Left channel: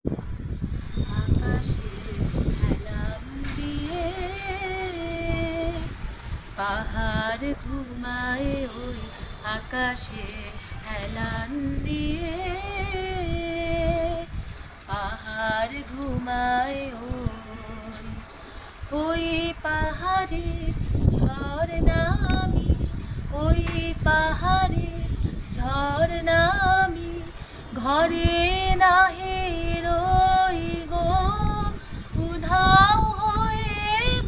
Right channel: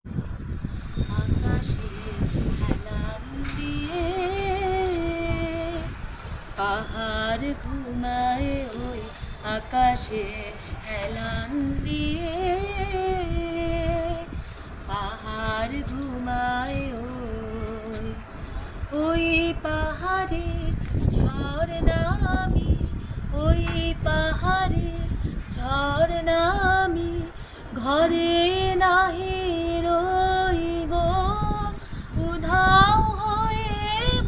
আকাশে হেলান দিয়ে পাহাড় ঘুমায় ওই আকাশে হেলান দিয়ে পাহাড় ঘুমায় ওই পাহাড়ে ঝরনা আমি ওই পাহাড়ে ঝরনা আমি ঘরে নাহি রই গো উধাও হয়ে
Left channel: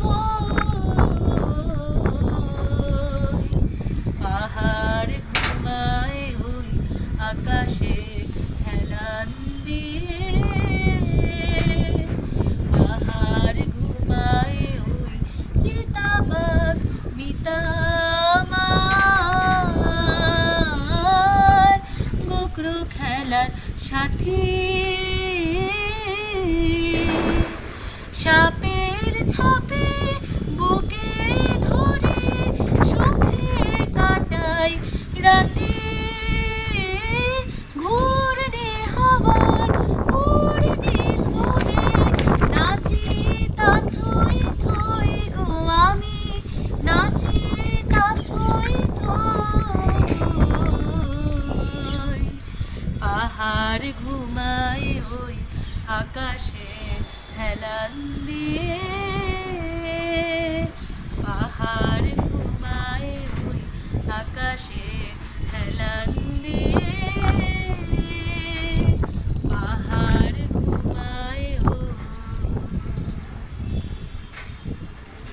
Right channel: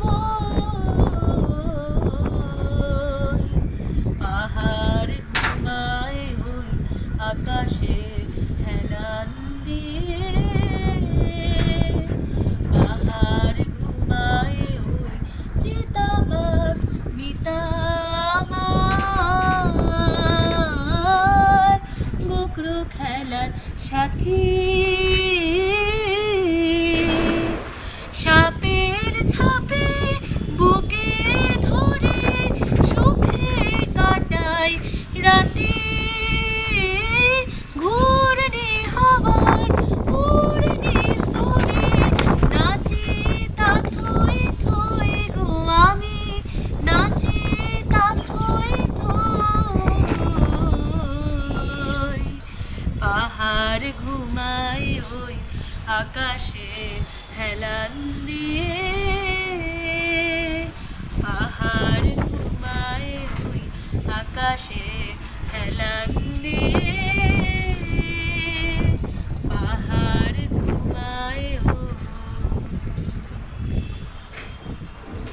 বই পাহাড় ঘুমায় ওই আকাশে হেলান দিয়ে পাহাড় ঘুমায় ওই চিতাবাঘ মিতামার গোকরু খেলার সাথী সাপের ছাপে বুকে ধরে সুখে কাটাই রাতে ঘুরনে হাওয়ার উড়নে ধরে নাচি তা থই থই গো আমি নাচি তা থই থই পাহাড় ঘুমায় ওই আকাশে হেলান দিয়ে পাহাড়